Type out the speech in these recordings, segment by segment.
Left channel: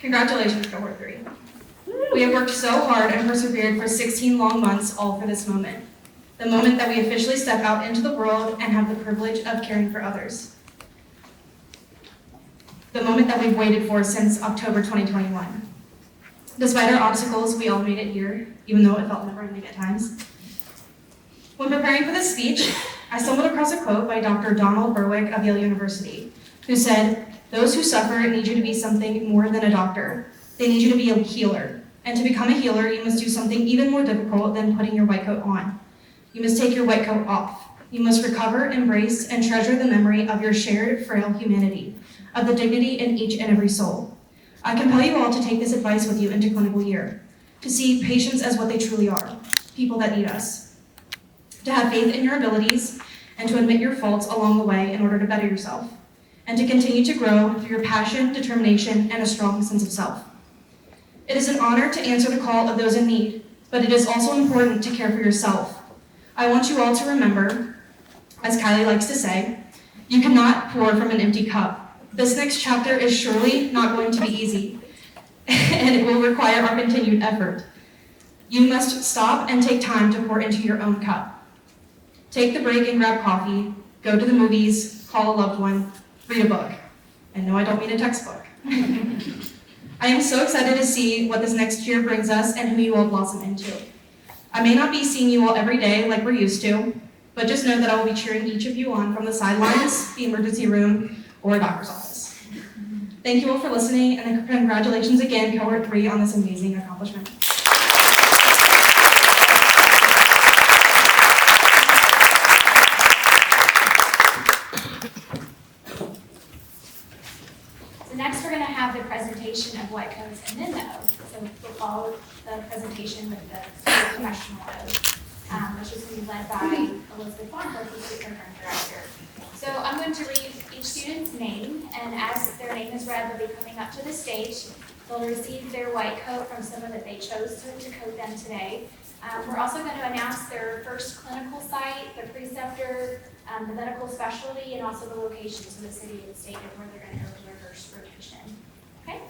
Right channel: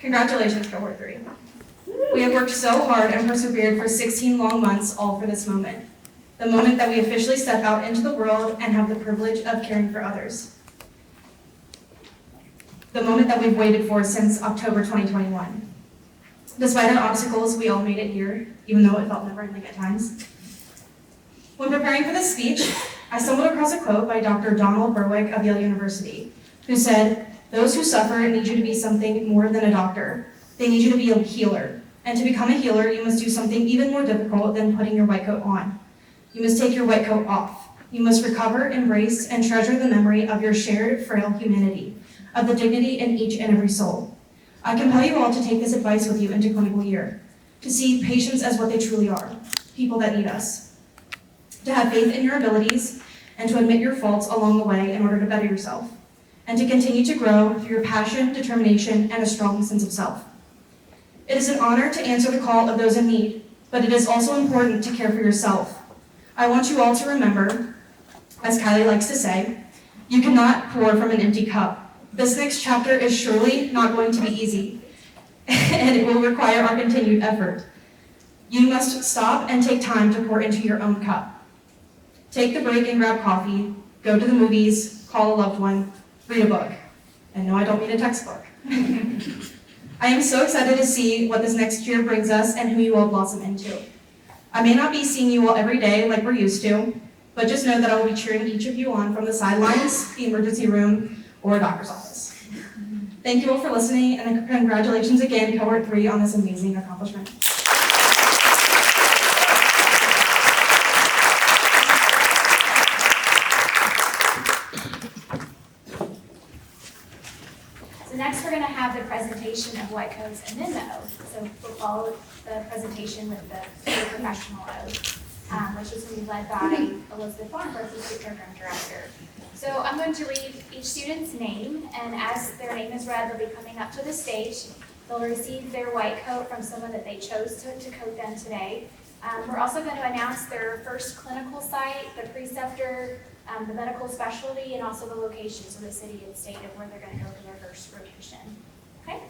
Congratulations, Cohort 3. We have worked so hard and persevered for 16 long months, all for this moment. The moment that we officially step out into the world and have the privilege of caring for others. The moment that we've waited for since October 2021. Despite our obstacles, we all made it here, even though it felt never-ending at times. When preparing for this speech, I stumbled across a quote by Dr. Donald Berwick of Yale University, who said, "Those who suffer need you to be something more than a doctor. They need you to be a healer. And to become a healer, you must do something even more difficult than putting your white coat on. You must take your white coat off. You must recover, embrace, and treasure the memory of your shared, frail humanity, of the dignity in each and every soul. I compel you all to take this advice with you into clinical year, to see patients as what they truly are, people that need us. To have faith in your abilities, and to admit your faults along the way in order to better yourself, and to continue to grow through your passion, determination, and a strong sense of self. It is an honor to answer the call of those in need, but it is also important to care for yourself. I want you all to remember, as Kylie likes to say, you cannot pour from an empty cup. This next chapter is surely not going to be easy, and it will require our continued effort. You must stop and take time to pour into your own cup. Take the break and grab coffee, go to the movies, call a loved one, read a book. And no, I don't mean a textbook. I am so excited to see what this next year brings us and who you all blossom into. I may not be seeing you all every day like we're used to, but just know that I will be cheering each of you on from the sidelines, the emergency room, or a doctor's office. Thank you all for listening, and congratulations again, Cohort 3, on this amazing accomplishment. Next, we're going to have the presentation of white coats and then the oath. So we'll follow the presentation with the professional oath, which is going to be led by Elizabeth Farnworth, who's the program director. So I'm going to read each student's name, and as their name is read, they'll be coming up to the stage. They'll receive their white coat from someone that they chose to coat them today. We're also going to announce their first clinical site, the preceptor, the medical specialty, and also the locations of the city and state of where they're going to go for their first rotation. Okay?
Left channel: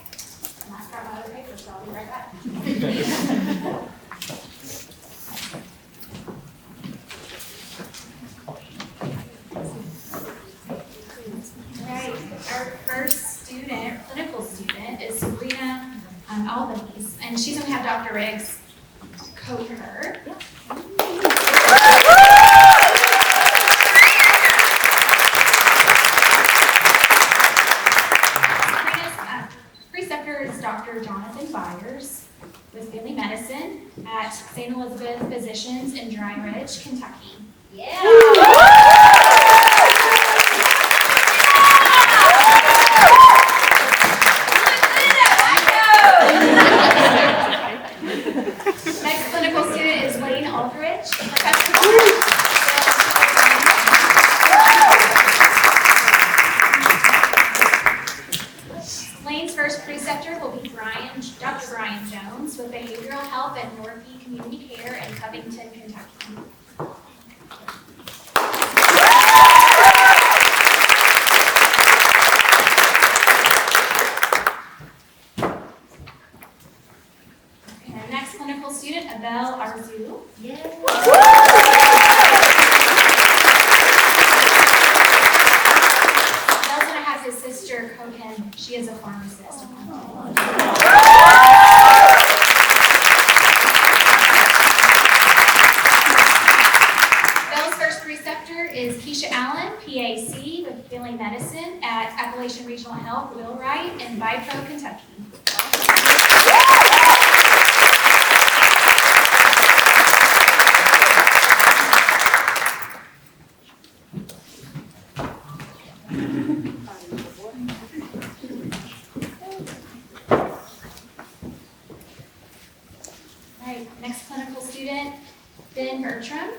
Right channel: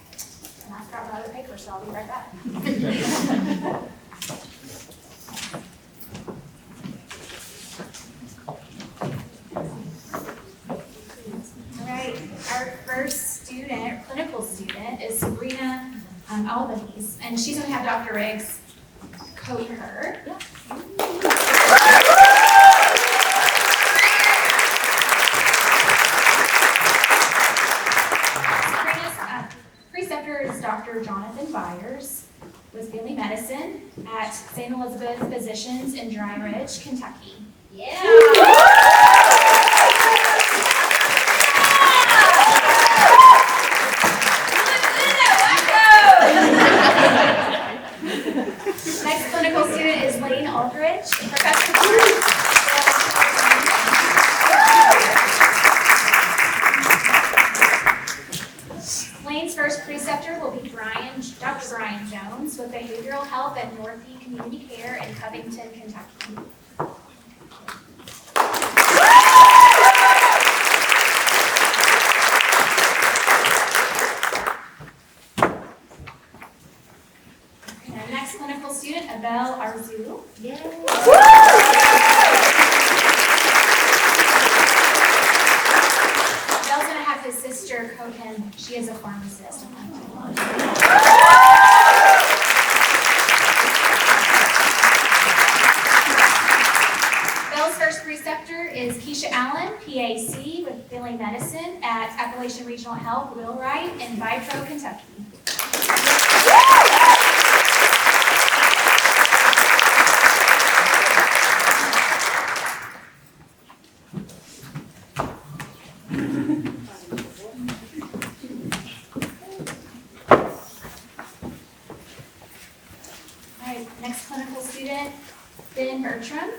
And I've got my other paper, so I'll be right back. All right, our first student, clinical student, is Sabrina Albanese, and she's going to have Dr. Riggs coat her. Dr. Jonathan Byers with Family Medicine at St. Elizabeth Physicians in Dry Ridge, Kentucky. Yeah! Next clinical student is Lane Aldridge, professor. Lane's first preceptor will be Dr. Brian Jones with Behavioral Health at Northie Community Care in Covington, Kentucky. And our next clinical student, Abel Arzu. Yay! His sister coat him. She is a pharmacist. Bell's first preceptor is Keisha Allen, PAC with Family Medicine at Appalachian Regional Health, Wheelwright in Vitro, Kentucky. Next clinical student, Ben Bertram.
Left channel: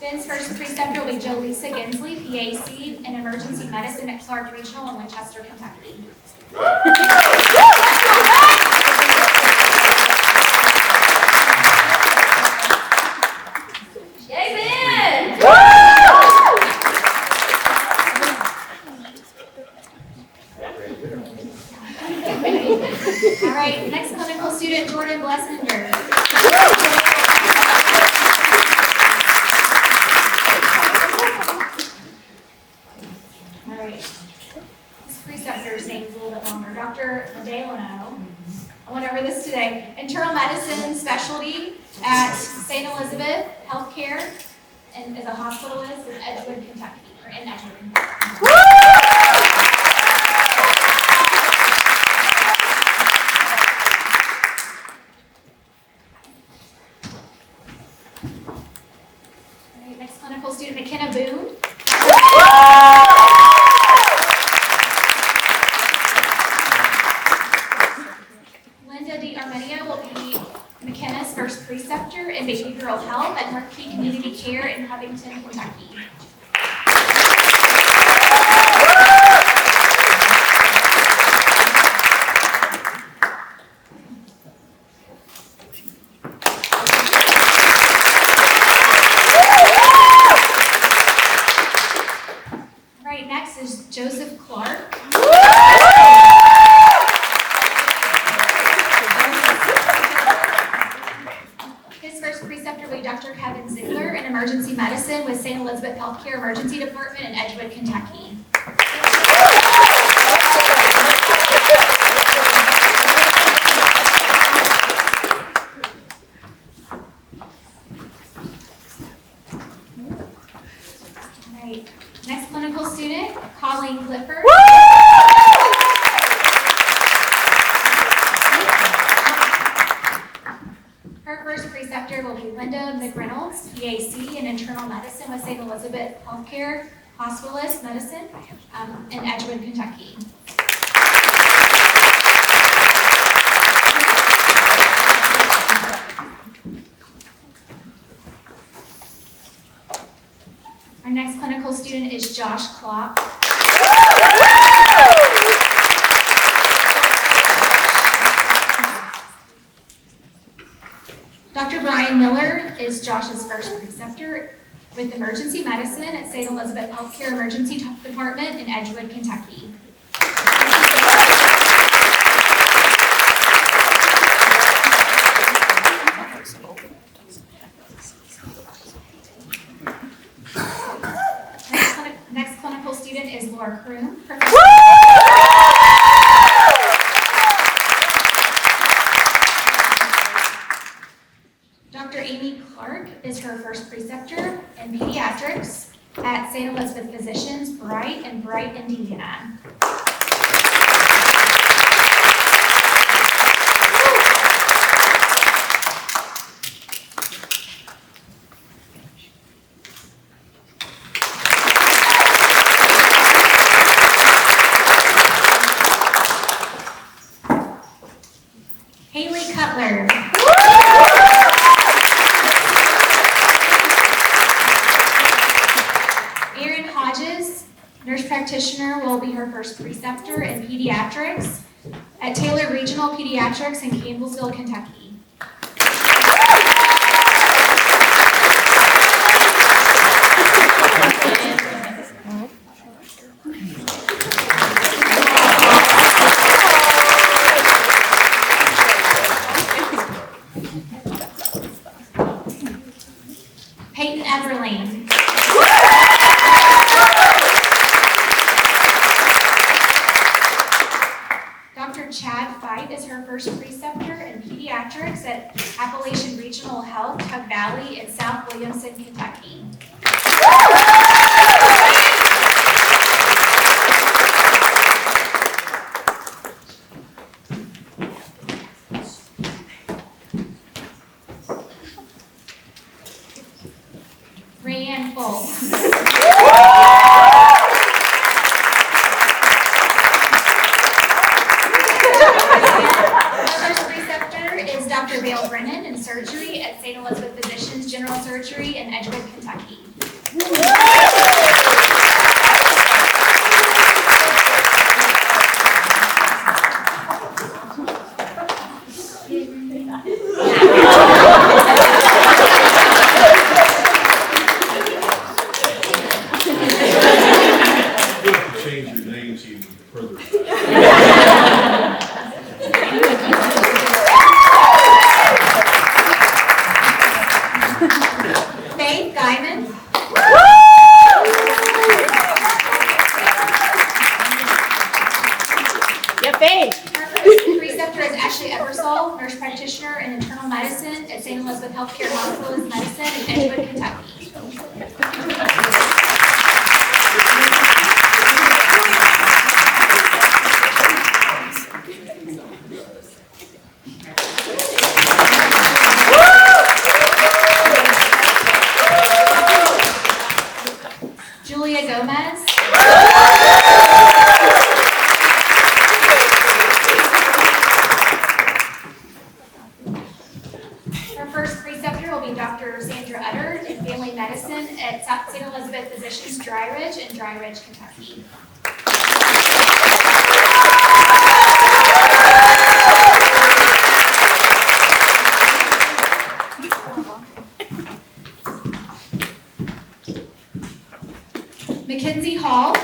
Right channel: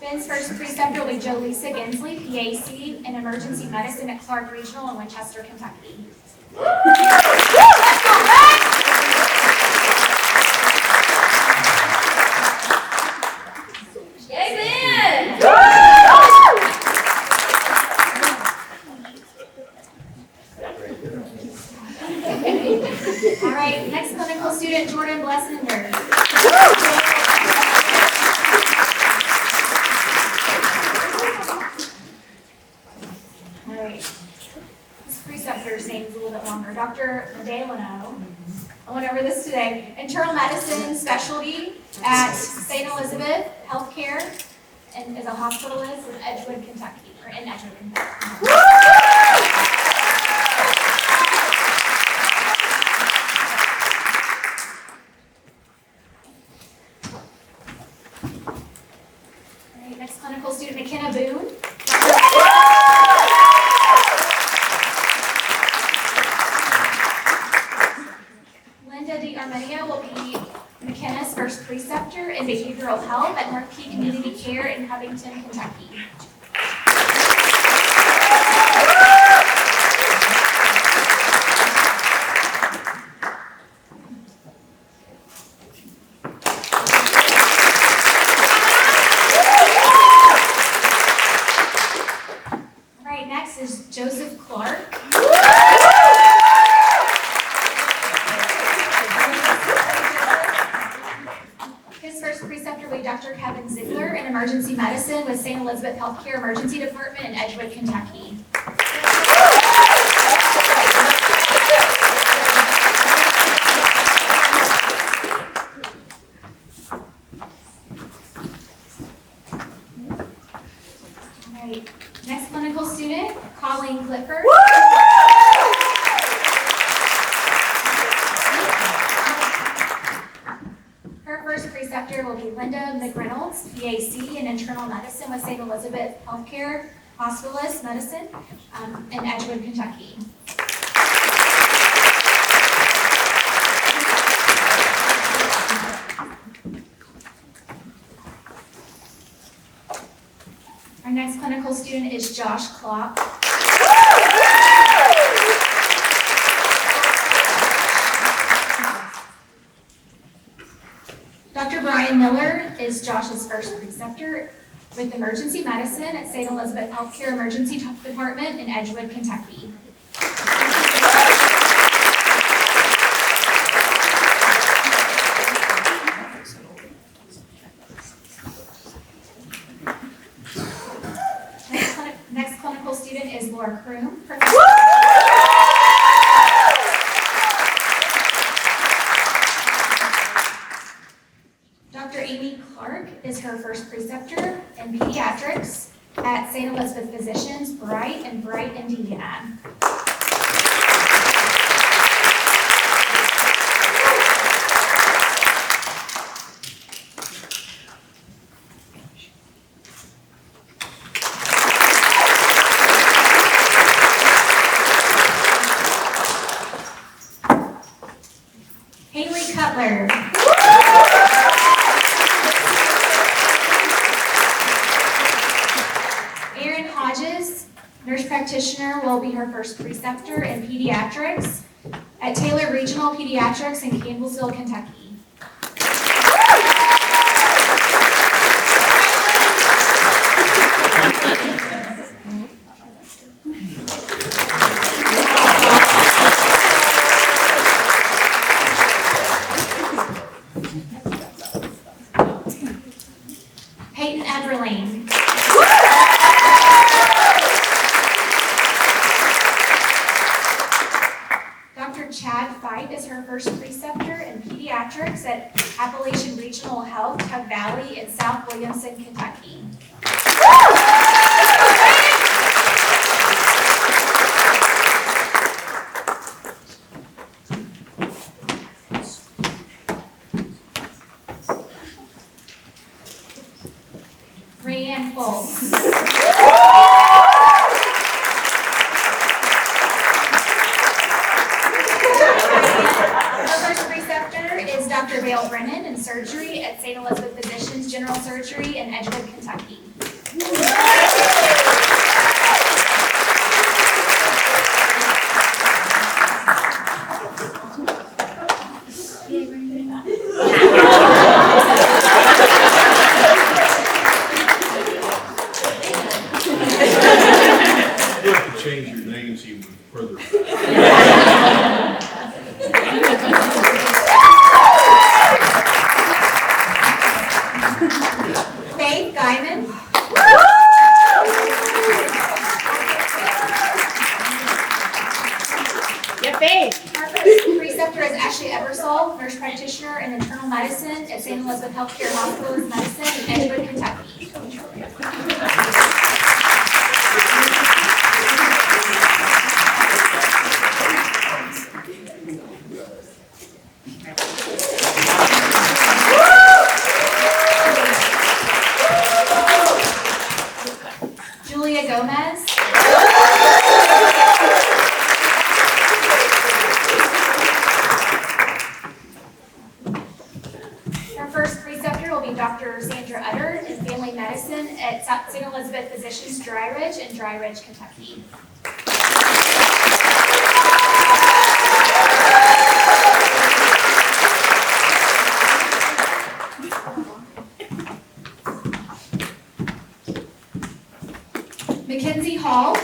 Ben's first preceptor will be Jolisa Gensley, PAC in Emergency Medicine at Clark Regional in Winchester, Kentucky. Yay, Ben! longer. Dr. Delano, I went over this today, internal medicine specialty at St. Elizabeth Healthcare and is a hospitalist in Edgewood, Kentucky, or in Edgewood, Kentucky. All right, next clinical student, McKenna Boone. Linda D. Armenia will be McKenna's first preceptor in behavioral health at Marquis Community Care in Covington, Kentucky. All right, next is Joseph Clark. His first preceptor will be Dr. Kevin Ziegler in emergency medicine with St. Elizabeth Healthcare Emergency Department in Edgewood, Kentucky. All right, next clinical student, Colleen Clifford. Her first preceptor will be Linda McReynolds, PAC in internal medicine with St. Elizabeth Healthcare Hospitalist Medicine in Edgewood, Kentucky. Our next clinical student is Josh Klopp. Dr. Brian Miller is Josh's first preceptor with emergency medicine at St. Elizabeth Healthcare Emergency Department in Edgewood, Kentucky. Next clinical student is Laura Kroom. Dr. Amy Clark is her first preceptor in pediatrics at St. Elizabeth Physicians, Bright in Bright, Indiana. Haley Cutler. Erin Hodges, nurse practitioner, will be her first preceptor in pediatrics at Taylor Regional Pediatrics in Campbellsville, Kentucky. Peyton Everlane. Dr. Chad Fight is her first preceptor in pediatrics at Appalachian Regional Health, Tug Valley in South Williamson, Kentucky. Rayanne Foltz. Our first preceptor is Dr. Vale Brennan in surgery at St. Elizabeth Physicians General Surgery in Edgewood, Kentucky. You have to change your names even further. Faith Guyman. Yeah, Faith. Elizabeth Healthcare Hospitalist Medicine in Edgewood, Kentucky. Julia Gomez. Our first preceptor will be Dr. Sandra Utter in Family Medicine at St. Elizabeth Physicians Dry Ridge in Dry Ridge, Kentucky. Mackenzie Hall.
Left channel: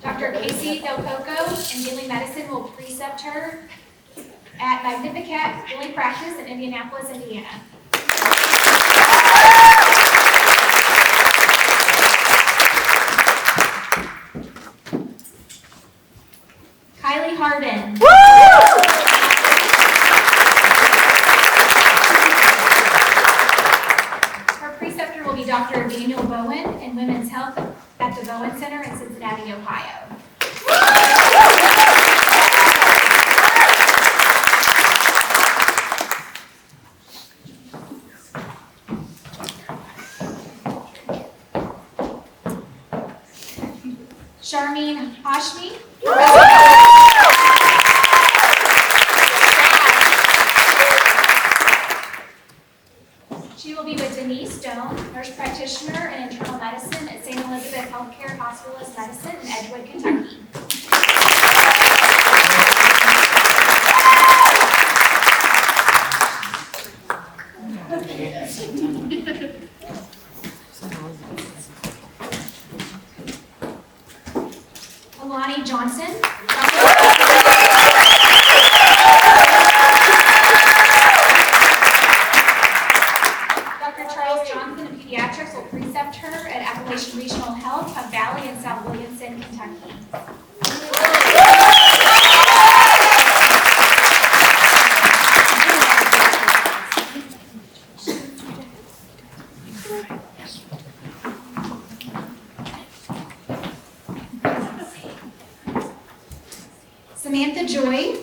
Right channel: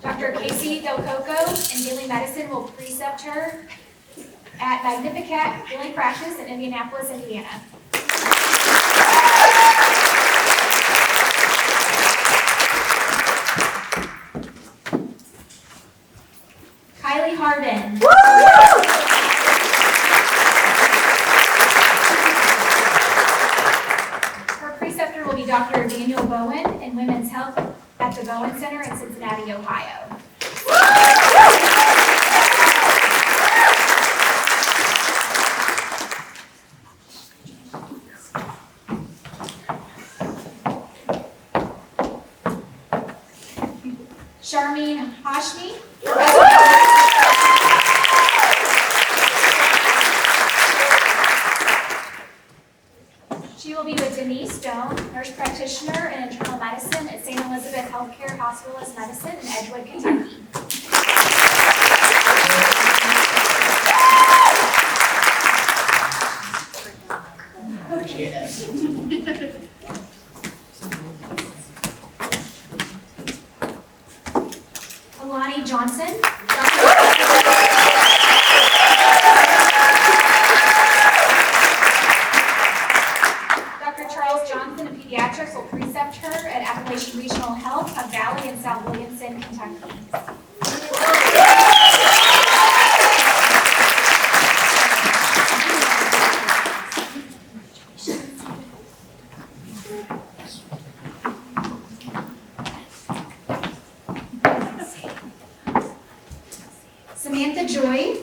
Dr. Casey Del Coco in Family Medicine will precept her at Magnificat Family Practice in Indianapolis, Indiana. Kylie Hardin. Her preceptor will be Dr. Daniel Bowen in Women's Health at the Bowen Center in Cincinnati, Ohio. Charmine Hashmi. She will be with Denise Stone, nurse practitioner in internal medicine at St. Elizabeth Healthcare Hospitalist Medicine in Edgewood, Kentucky. Alani Johnson. Dr. Charles Johnson in pediatrics will precept her at Appalachian Regional Health of Valley in South Williamson, Kentucky. Samantha Joy.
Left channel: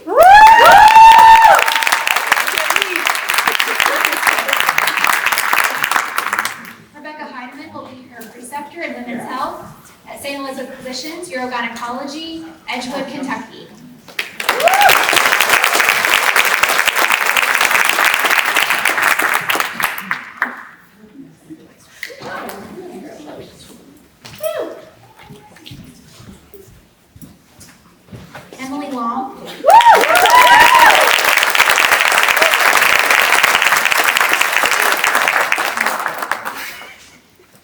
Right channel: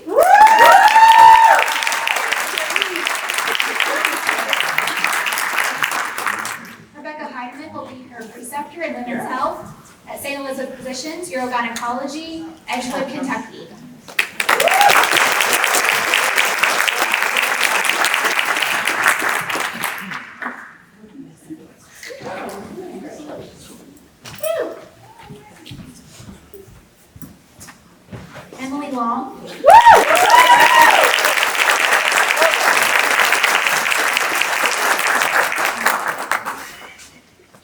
Rebecca Heidemann will be her preceptor in women's health at St. Elizabeth Physicians, Urogynecology, Edgewood, Kentucky. Emily Long.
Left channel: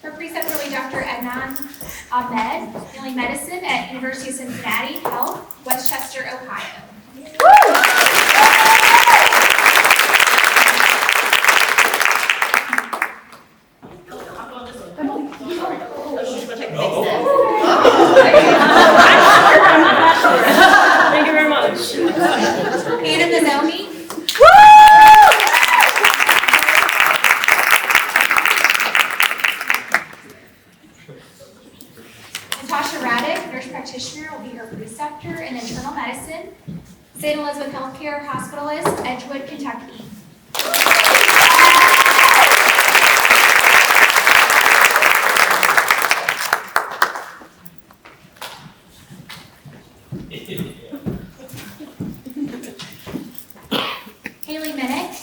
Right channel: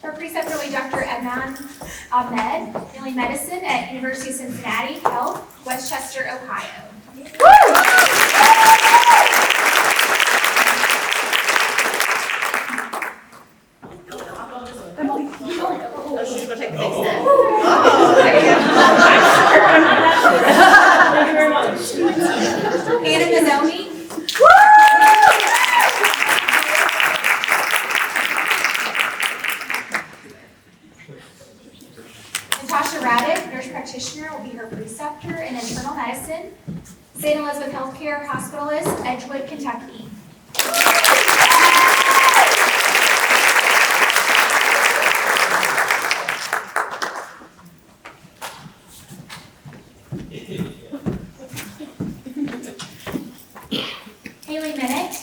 Her preceptor will be Dr. Adnan Ahmed, Family Medicine at University of Cincinnati Health, Westchester, Ohio. Thank you very much. Hannah Mazzoni. Natasha Raddick, nurse practitioner, will be her preceptor in internal medicine, St. Elizabeth Healthcare Hospitalist, Edgewood, Kentucky. Haley Minnick.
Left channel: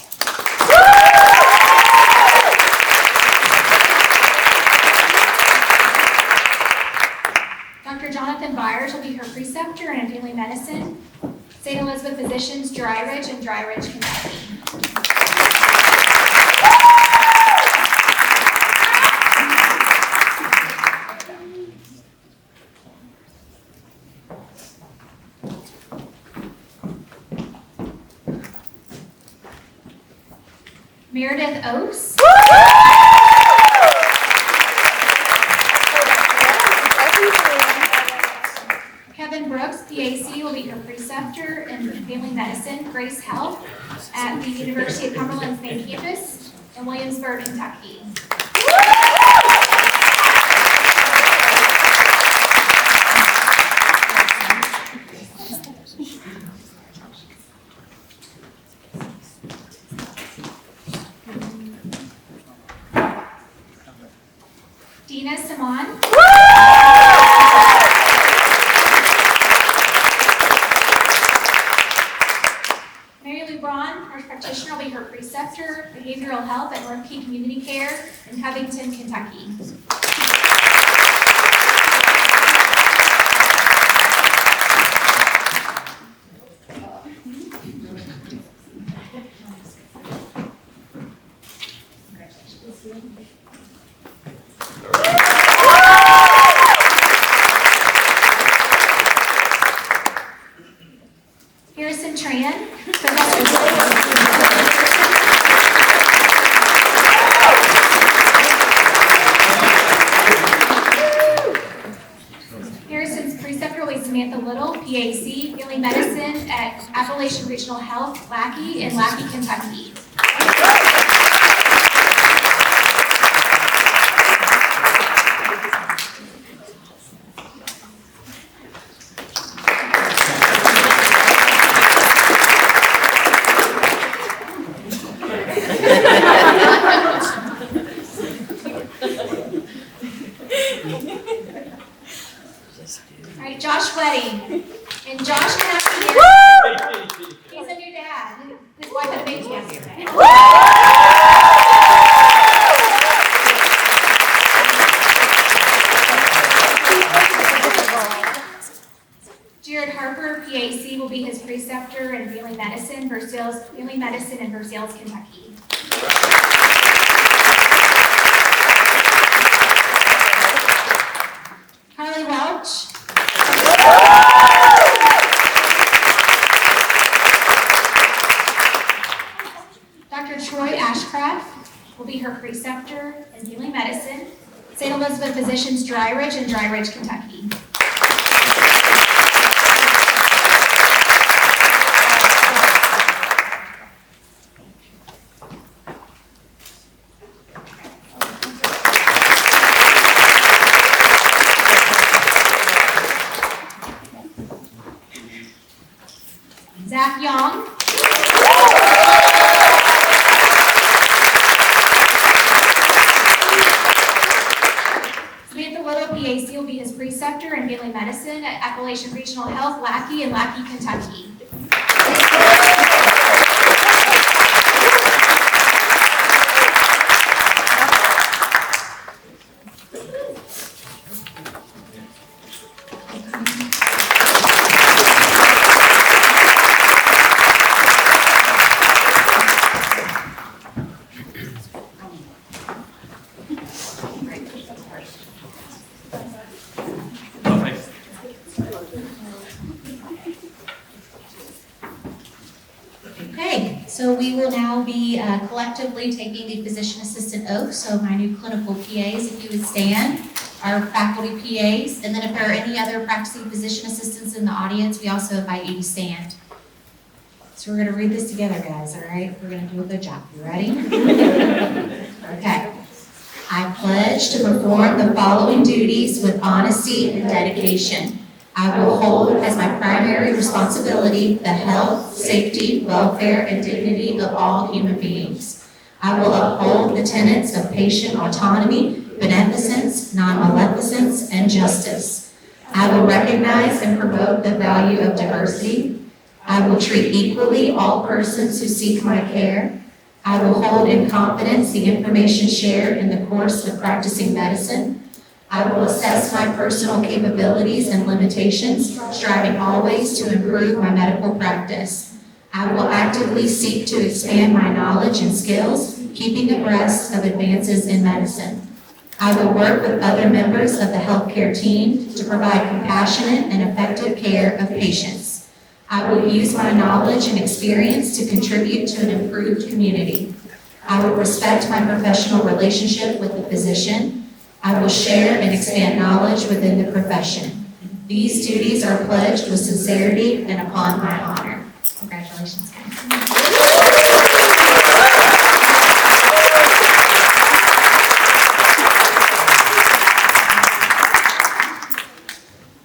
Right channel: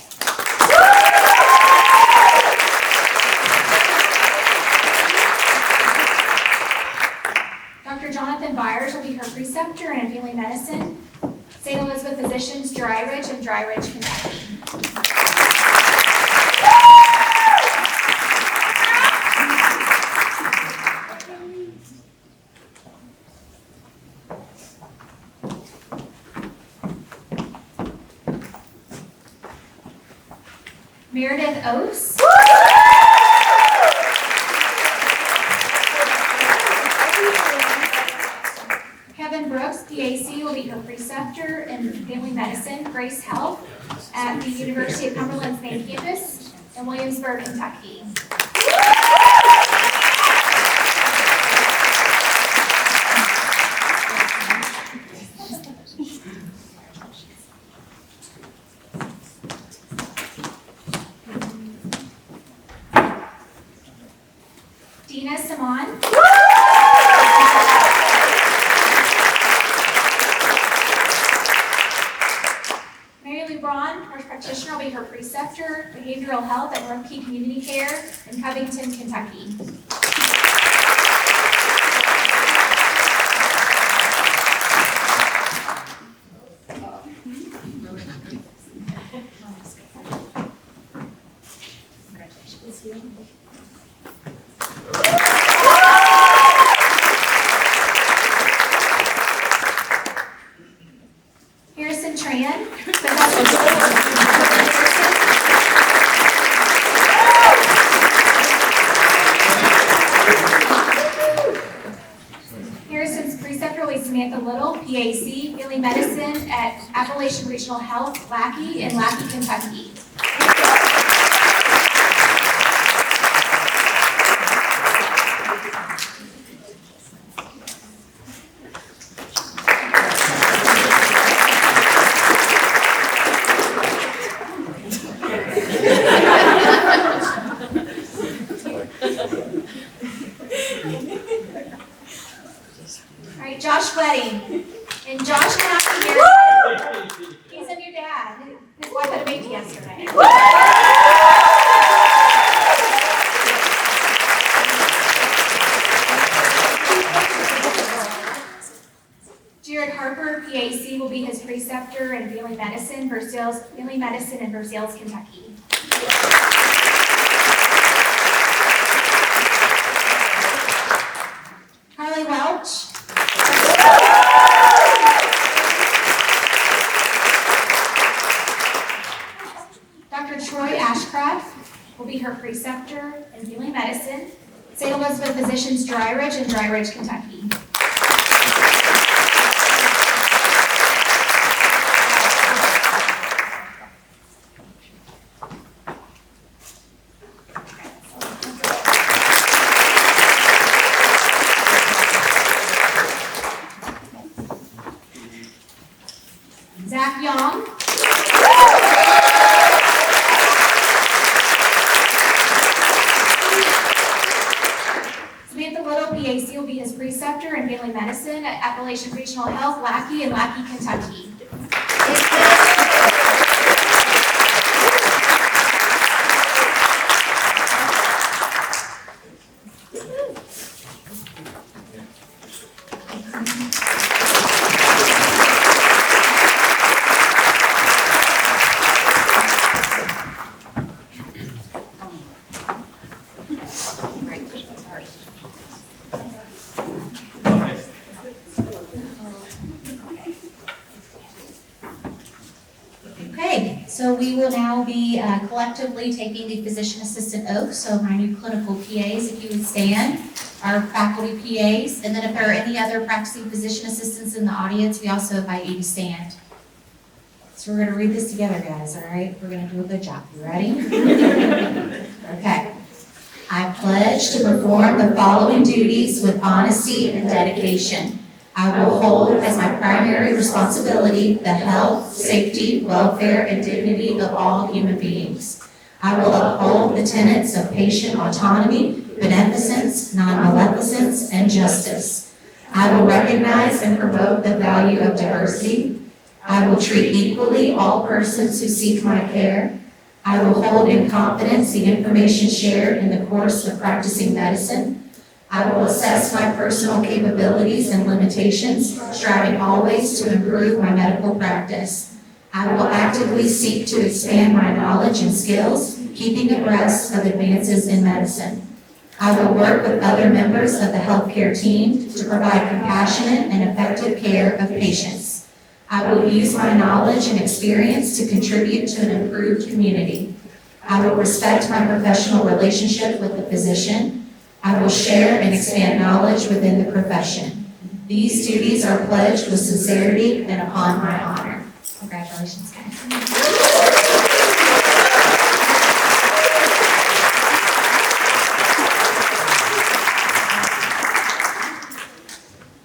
Dr. Jonathan Byers will be her preceptor in family medicine, St. Elizabeth Physicians, Dry Ridge in Dry Ridge, Kentucky. Meredith Oates. Kevin Brooks, be her preceptor in family medicine, Grace Health, at the University of Cumberland's main campus in Williamsburg, Kentucky. Dina Simon. Mary Lou Braun, nurse practitioner, will be her preceptor, behavioral health at North Key Community Care in Covington, Kentucky. Harrison Tran, Harrison's preceptor will be Samantha Little, PAC, family medicine at Appalachian Regional Health, Lackey in Lackey, Kentucky. All right, Josh Wedding. And Josh cannot be here. He's a new dad. His wife had a baby yesterday. Jared Harper, PAC, will be his preceptor in family medicine in Versailles, Kentucky. Carly Welch. Dr. Troy Ashcraft will be her preceptor in family medicine, St. Elizabeth Physicians Dry Ridge in Dry Ridge, Kentucky. Zach Young. Samantha Little, PAC, will be his preceptor in family medicine at Appalachian Regional Health, Lackey in Lackey, Kentucky. Okay, so we will now be collectively taking the physician assistant oath. So my new clinical PAs, if you would stand, our faculty PAs, and then if there are any other practicing physician assistants in the audience, we also invite you to stand. So we're going to read this together, guys, all right? We're going to do a good job. You ready? Okay. I pledge to perform the following duties with honesty and dedication. I will hold as my primary responsibility the health, safety, welfare, and dignity of all human beings. I will uphold the tenets of patient autonomy, beneficence, non-maleficence, and justice. I will recognize and promote the value of diversity. I will treat equally all persons who seek my care. I will hold in confidence the information shared in the course of practicing medicine. I will assess my personal capabilities and limitations, striving always to improve my medical practice. I will actively seek to expand my knowledge and skills, keeping abreast of advances in medicine. I will work with other members of the healthcare team to provide compassionate and effective care of patients. I will use my knowledge and experience to contribute to an improved community. I will respect my professional relationship with the physician. I will share and expand knowledge within the profession. These duties are pledged with sincerity and upon my honor. Congratulations, guys.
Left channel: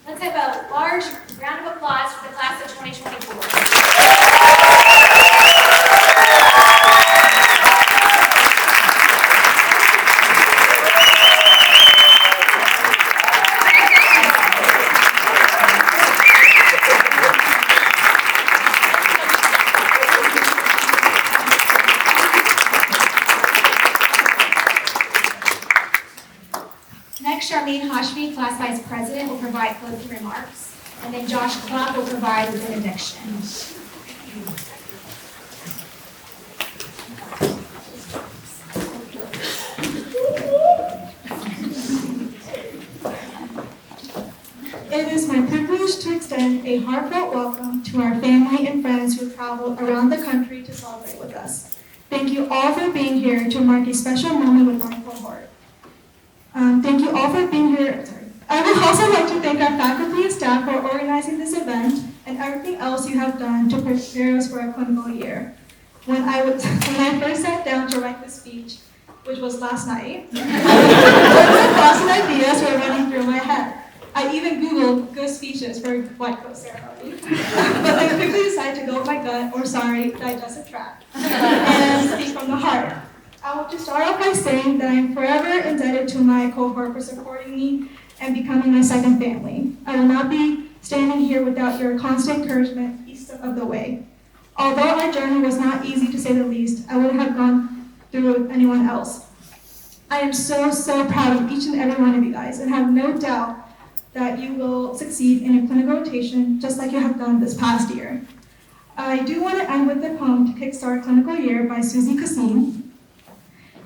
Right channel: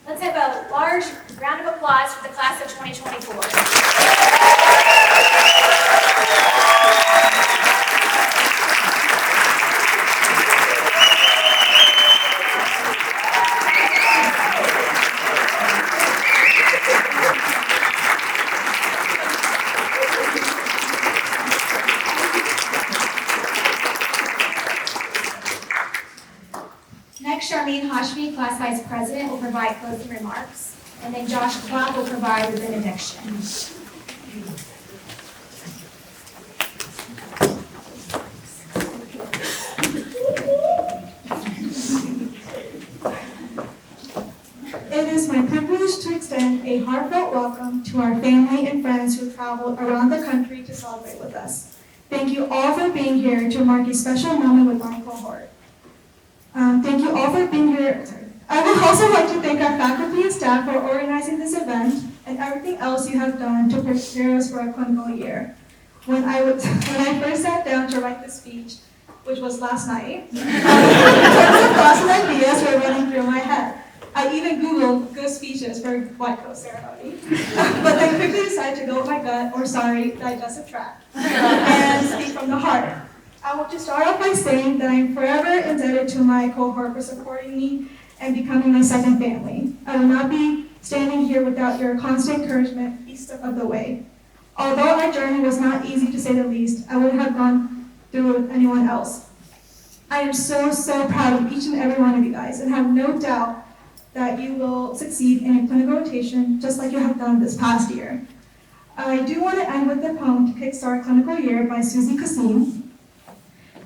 Let's have a large round of applause for the class of 2024. Next, Charlene Hashmi, Class Vice President, will provide closing remarks, and then Josh Clark will provide the benediction. It is my privilege to extend a heartfelt welcome to our family and friends who traveled around the country to celebrate with us. Thank you all for being here to mark a special moment with my cohort. Thank you all for being here. I would also like to thank our faculty and staff for organizing this event and everything else you have done to prepare us for our clinical year. When I first sat down to write this speech, which was last night, thoughts and ideas were running through my head. I even Googled good speeches for white coat ceremony, but then quickly decided to go with my gut, or sorry, digestive tract, and speak from the heart. I want to start off by saying that I am forever indebted to my cohort for supporting me and becoming my second family. I will not be standing here without your constant encouragement each step of the way. Although our journey was not easy to say the least, I wouldn't have gone through it with anyone else. I am so proud of each and every one of you guys and have no doubt that you will succeed in your clinical rotation just like you have done this past year. I do want to end with the poem to kickstart clinical year by Susie Kassim.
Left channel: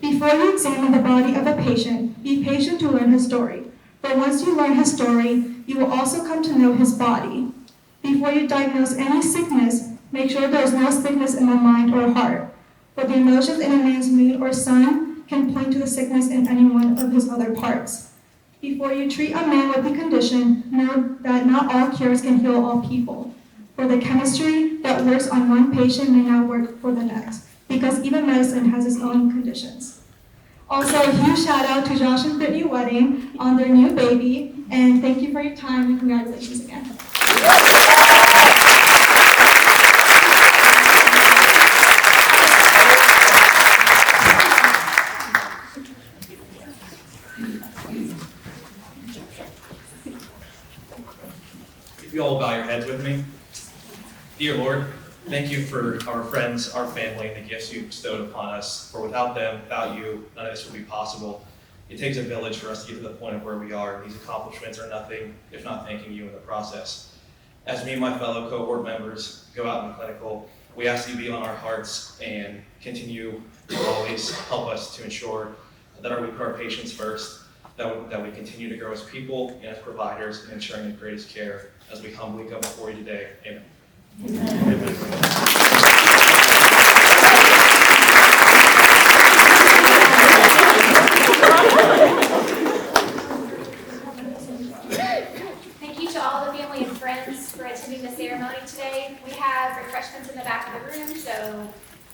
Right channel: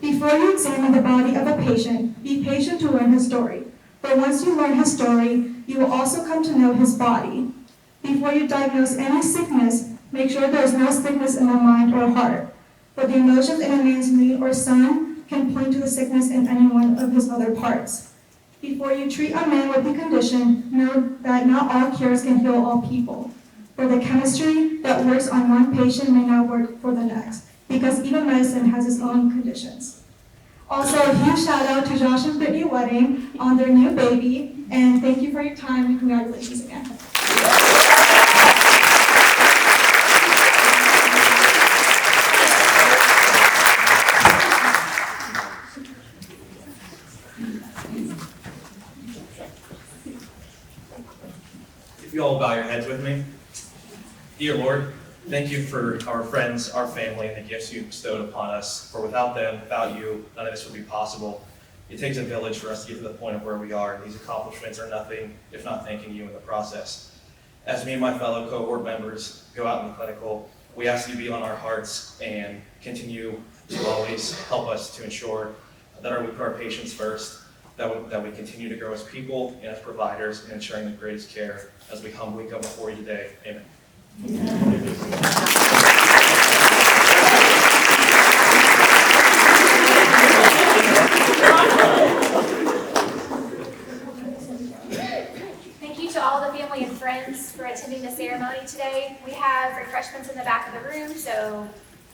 Before you examine the body of a patient, be patient to learn his story. For once you learn his story, you will also come to know his body. Before you diagnose any sickness, make sure there is no sickness in the mind or heart. For the emotions in a man's mood or sun can point to the sickness in any one of his other parts. Before you treat a man with a condition, know that not all cures can heal all people. For the chemistry that works on one patient may not work for the next, because even medicine has its own conditions. Also, a huge shout out to Josh and Brittany Wedding on their new baby, and thank you for your time and congratulations again. If you all bow your heads with me. Dear Lord, thank you for our friends, our family, and the gifts you bestowed upon us. For without them, without you, none of this would be possible. It takes a village for us to get to the point of where we are. These accomplishments are nothing if not thanking you in the process. As me and my fellow cohort members go out in the clinical, we ask you to be on our hearts and continue to always help us to ensure that we put our patients first, that we continue to grow as people and as providers and ensuring the greatest care as we humbly come before you today. Amen. Thank you to all the family and friends for attending the ceremony today. We have refreshments in the back of the room, so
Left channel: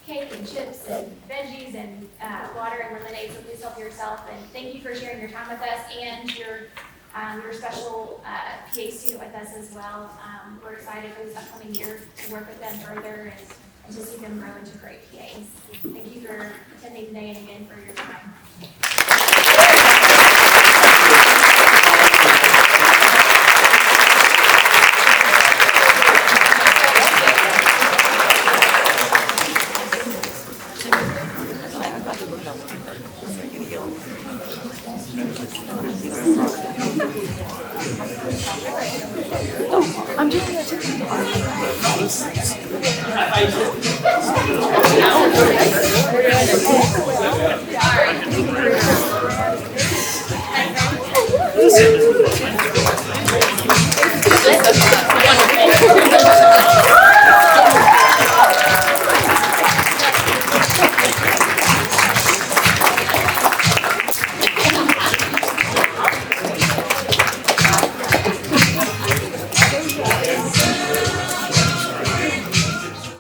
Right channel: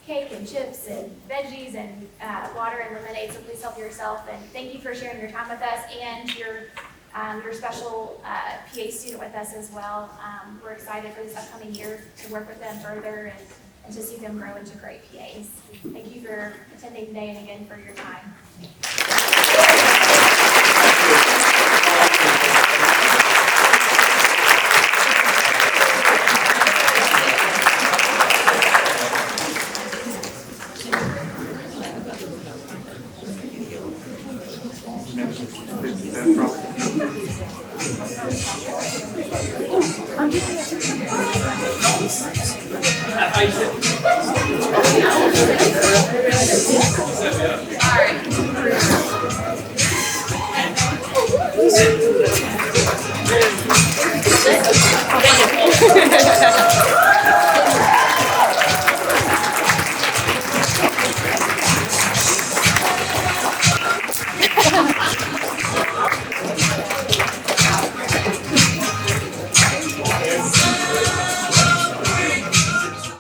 cake and chips and veggies and water and lemonade, so please help yourself. And thank you for sharing your time with us and your special PA student with us as well. We're excited for this upcoming year to work with them further and to see them grow into great PAs. Thank you for attending today and again for your time. Sorry.